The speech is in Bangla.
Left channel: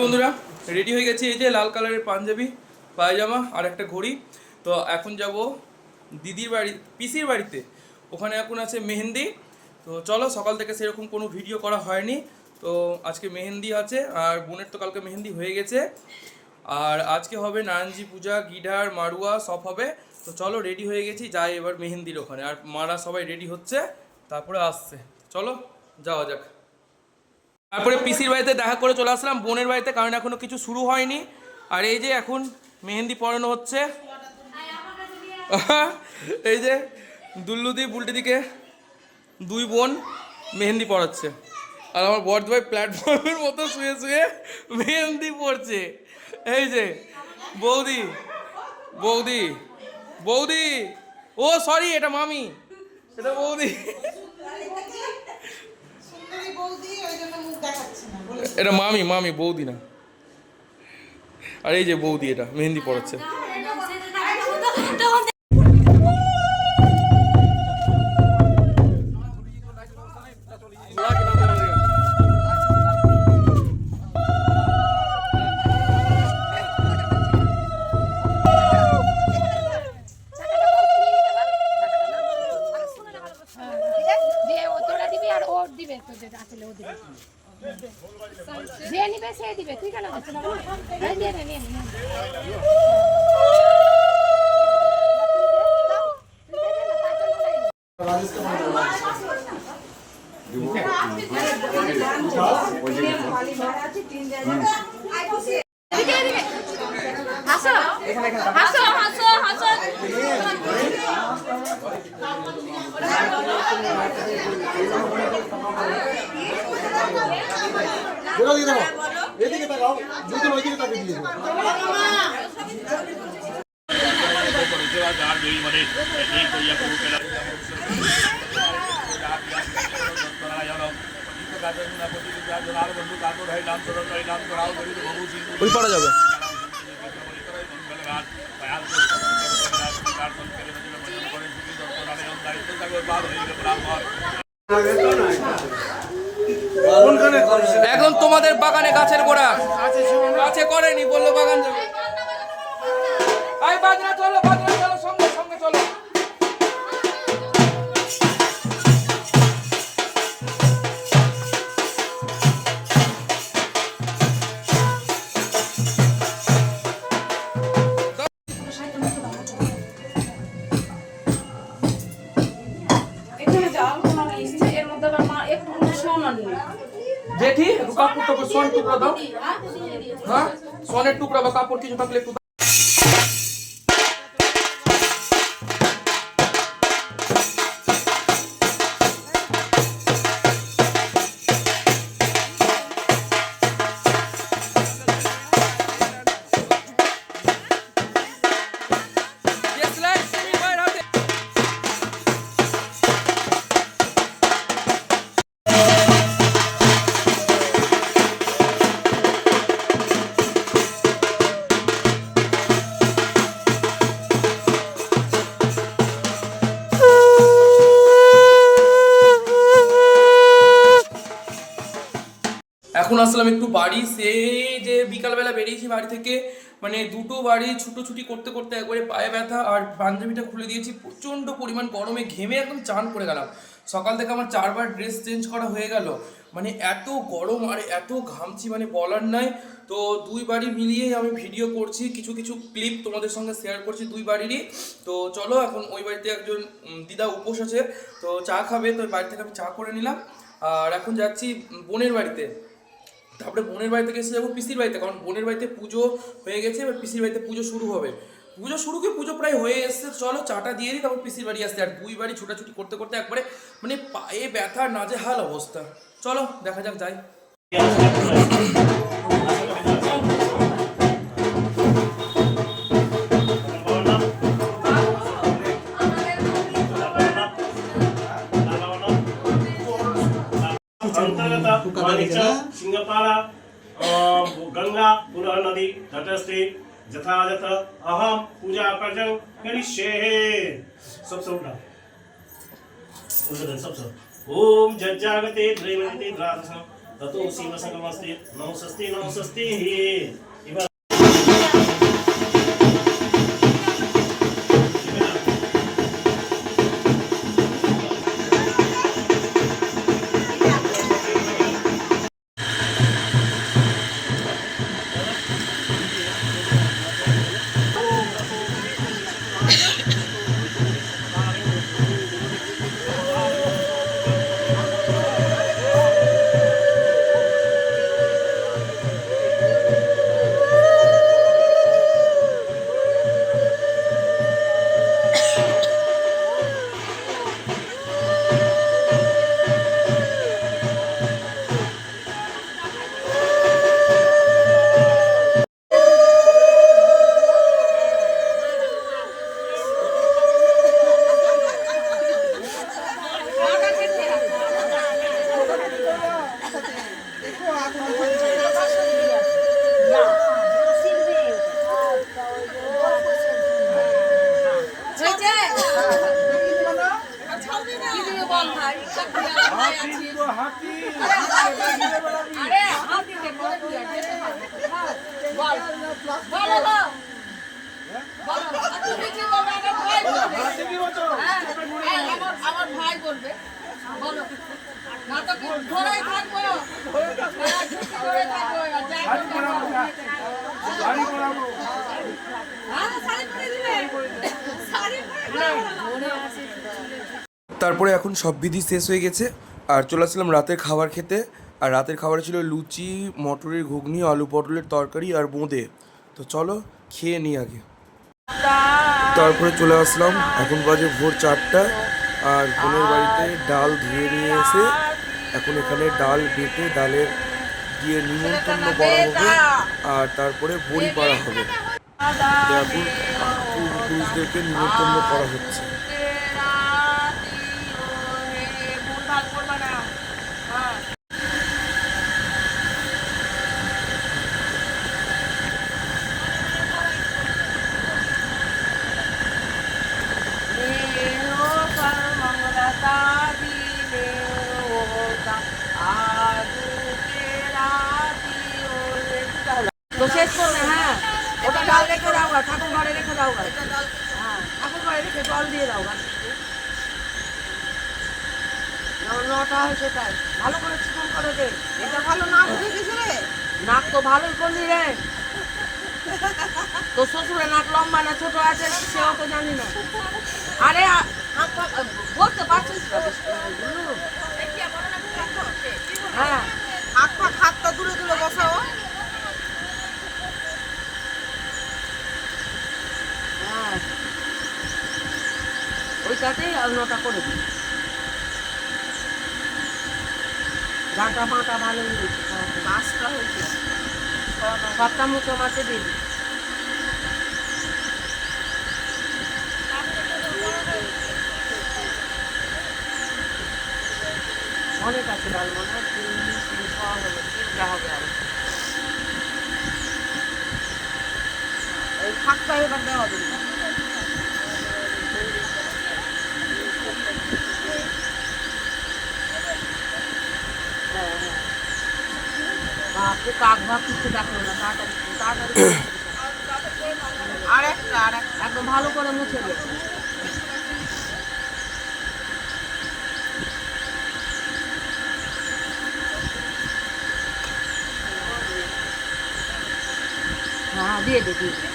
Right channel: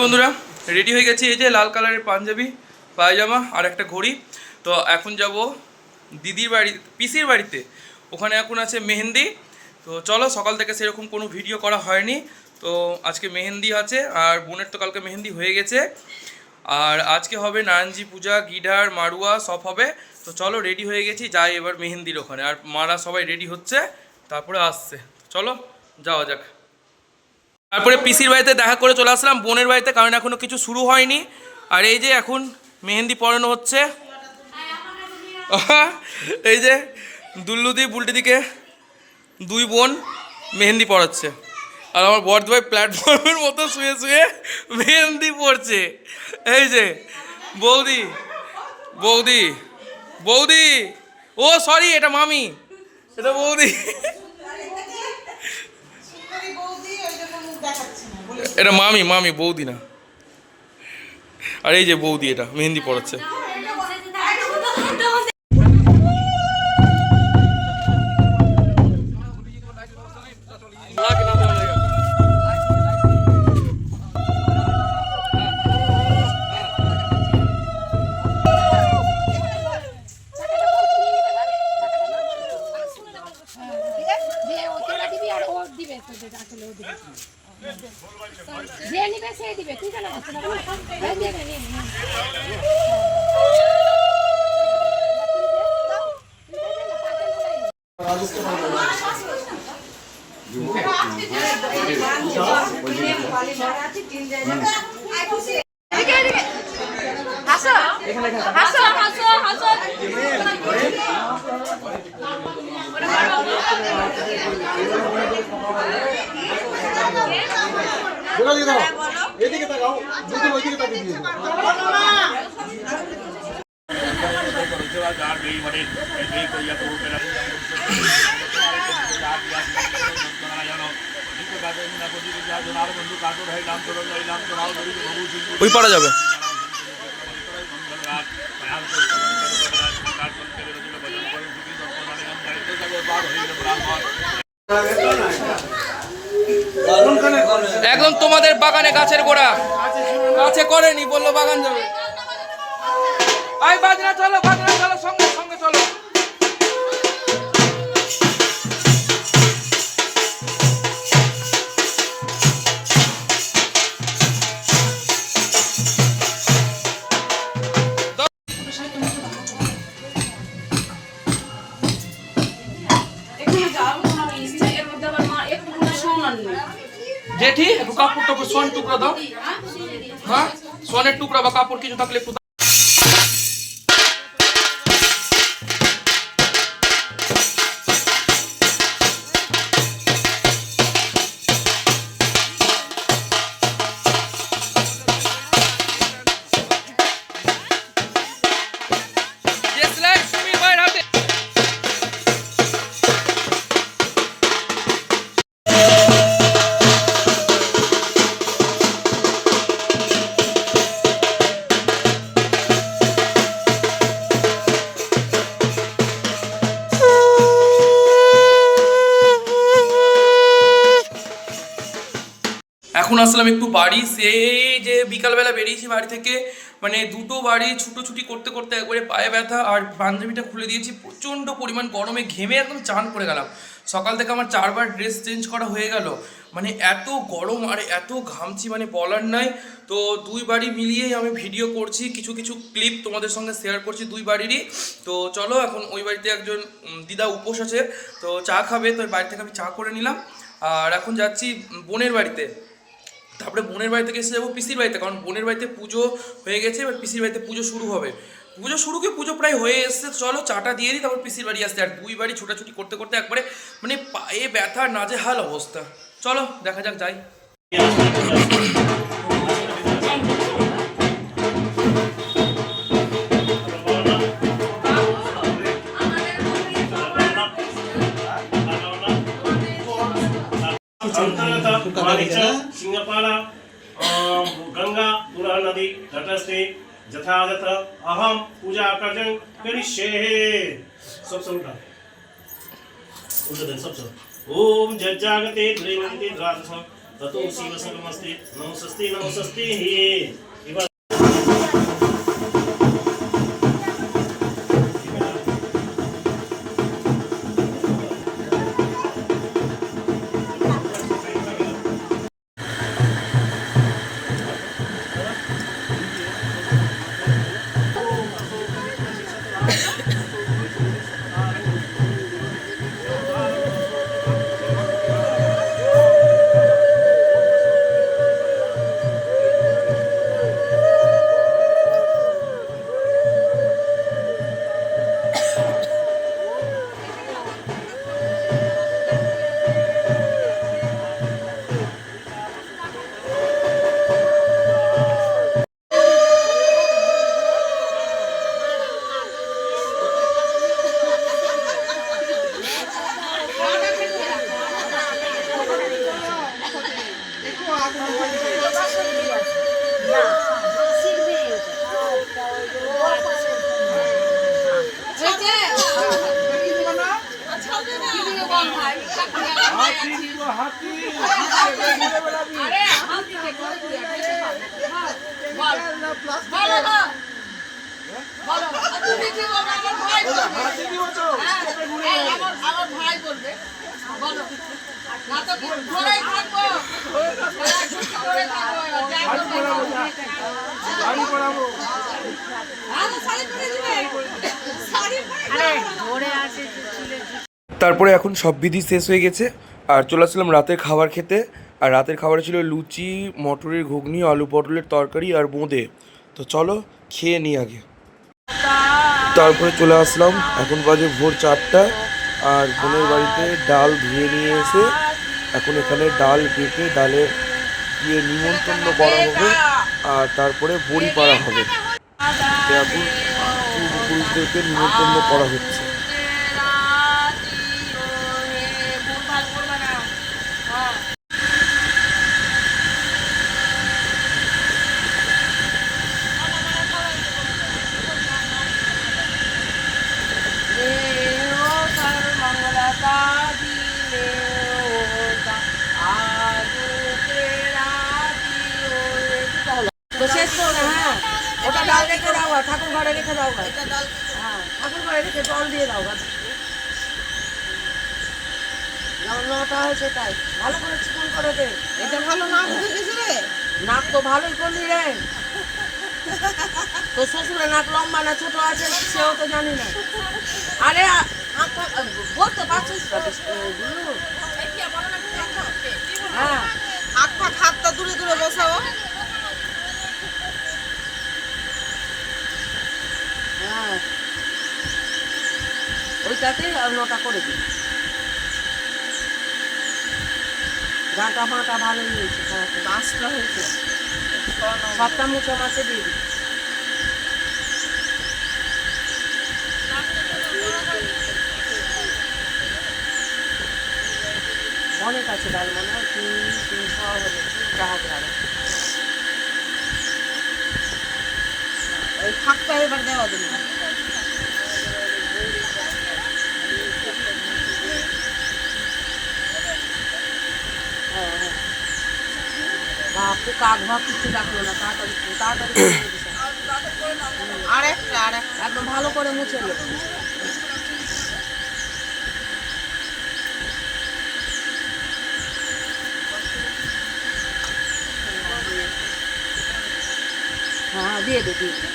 বন্ধুরা রেডি হয়ে গেছি, এই যে লাল কালারের পাঞ্জাবি পায়জামা আর একটা ঘড়ি। তো এখন যাব দিদির বাড়ি, পিসির বাড়িতে। ওখানে এখন আছে মেহেন্দি। তো চলো, সকাল থেকে সেরকম কোনো ভিডিও করা হয়নি, তো আজকে মেহেন্দি আছে। আর বোনের তো কালকে মেহেন্দি হয়ে গেছে। আর আজকে হবে নারায়ণজি পূজা, গিডার মাড়ুয়া সব হবে। তো চলো, রেডি হয়ে গেছি, যাই এবার মেহেন্দির ওখানে। আর মারা সবাই রেডি হচ্ছে, তারপরে আসছে। চলো যাওয়া যাক। তারপরে পিসির বাড়িতে দেখা করে চলে আসলাম বোনের বাড়িতে, কারণ এখনও কিছু শুরু হয়নি। আর এই যে এখন মেহেন্দি পরানো হচ্ছে। এই যে দুল্লুদি বুলটিদিকে দুই বোন মেহেন্দি পড়াচ্ছে। আর আমার বর্ধভাই প্ল্যাটফর্মের মতো শুয়ে শুয়ে মেহেন্দি পড়ছে। এই যে বৌদি বৌদি বৌদি, ও সরি, এটা মামি, এটা বৌদি, এটা মামি, মামি বৌদি না। আর এই যে বৌদি, এটা মেহেন্দি পড়াচ্ছে। ওই পড়া যাবে। একদম তোমাদের বাগানে গাছের গোড়া, গাছে করেনি, বললো বাগান যাবে। আই বাজনা চলো, বাজনা চলো, সঙ্গে সঙ্গে চলো। জেঠি একটু কাপড় টাপড় সোন টুকরা দাও। হ্যাঁ, সোনের টুকরা বা কাপড় কিছু থাকলে একটু। এখন আসলাম একটু বাড়ি, সেই যে বিকালবেলা বেরিয়েছি বাড়ি থেকে, মানে দুটো বাড়ি ছুটোছুটি করতে করতে একবারে পায়ে ব্যথা। আর পাঞ্জাবিটা খুলে দিয়েছি, প্রচণ্ড পরিমাণ গরমে ঘেমে একদম চান করে গেলাম। সকাল থেকে আমার 4বার ড্রেস চেঞ্জ করা হয়ে গেল, মানে এত গরম আর এত ঘামছি, মানে বলার নাই। তো দুই বাড়ি মিলিয়েই আমি ভিডিও করছি, কিছু কিছু ক্লিপ তোমাদের সঙ্গে শেয়ার করছি দুই বাড়িরই। তো চলো, এখন ওই বাড়িতে একজন দিদা উপোস আছে, তো চা খাবে, তো ওই বাড়ি থেকে আমি চা করে নিলাম। আর এখন যাচ্ছি বোনের বাড়িতে, তারপরে বোনের বাড়ি থেকে এসে যাবো পিসির বাড়িতে, কারণ বোনের বাড়িতে পুজো হয়ে গেছে, এবার পিসির বাড়িতে পুজো শুরু হবে। পুজো প্রায় হয়ে এসছে। চলো চাটা দিয়ে দিই, তারপর পিসির বাড়ি আসতে। আর দুই বাড়ি ছোটাছুটি করতে করতে একবারে মানে পায়ে ব্যথা, নাজেহাল অবস্থা। চলো দেখা যাক, যাই। सिंहपाला गंगा पुनः नदी तटस्थे यथायथ अहम पूजा कर्तव्य करिष्ये। सब उठा सब ओम जज्जागते द्रैवते द्रादशम ततो सीम संगमस्ति नमस्ते नमस्ते এবার তারপরে এখন সব বিধি শেষ হয়ে গেছে আর চলে আসলাম রাতের খাবার খেতে। আর রাতের খাবারে ছিল লুচি, মটরের ঘুগনি, আলু পটলের তরকারি আর বোঁদে। তো চলো খেয়ে নিই আগে। তারপরে চলে আসলাম, এখন বাজে ভোর 4টা। আর বোনের বাড়িতে ডাল ধুয়ে নিয়ে এসে এখন এখানে ডাল বেটে ডালের দিয়ে নিমন্ত্রণ করা হবে আর তারপরে বড়ি পাড়া হবে। এখন পূর্বপুরুষদেরকে নিমন্ত্রণ করা হচ্ছে। তো শেষ করে হ্যাঁ ওটা ডাল রেখে দাও, ঠাকুর ঘরে রেখে দাও, হ্যাঁ ঠাকুর ঘরে রেখে জল দিয়ে দাও। নটা হয় সেটাই ভালো করে চিকন করে দে। এটা ভালো নাক উঠে গেছে রে, নাক তো ভালোই করলি রে। তো শ্বশুরে নাক লম্বা না ছোট আছে সেও তো জানি না। আরে বলতে পারছিস হ্যাঁ হাতটা দূরে দূরে বসাও। হ্যাঁ ওইটাতে অন্যটা করে দিই। গাঁটা মাটা ভালোই হয়েছে, গাছটা হয়েছে, সবটা মুখো মাছে দিয়ে দিই। অনেক আছে ডাল মনে হয় 300 হবে। ওই ফাঁকটা এবার দেওয়া দিন। বাপরে কাক ভাত কিছু ডাকলো না, তাড়াতাড়ি আরেকটা একদম ভালো করে মুছে নে। হ্যাঁ দিয়ে দে দিয়ে দে।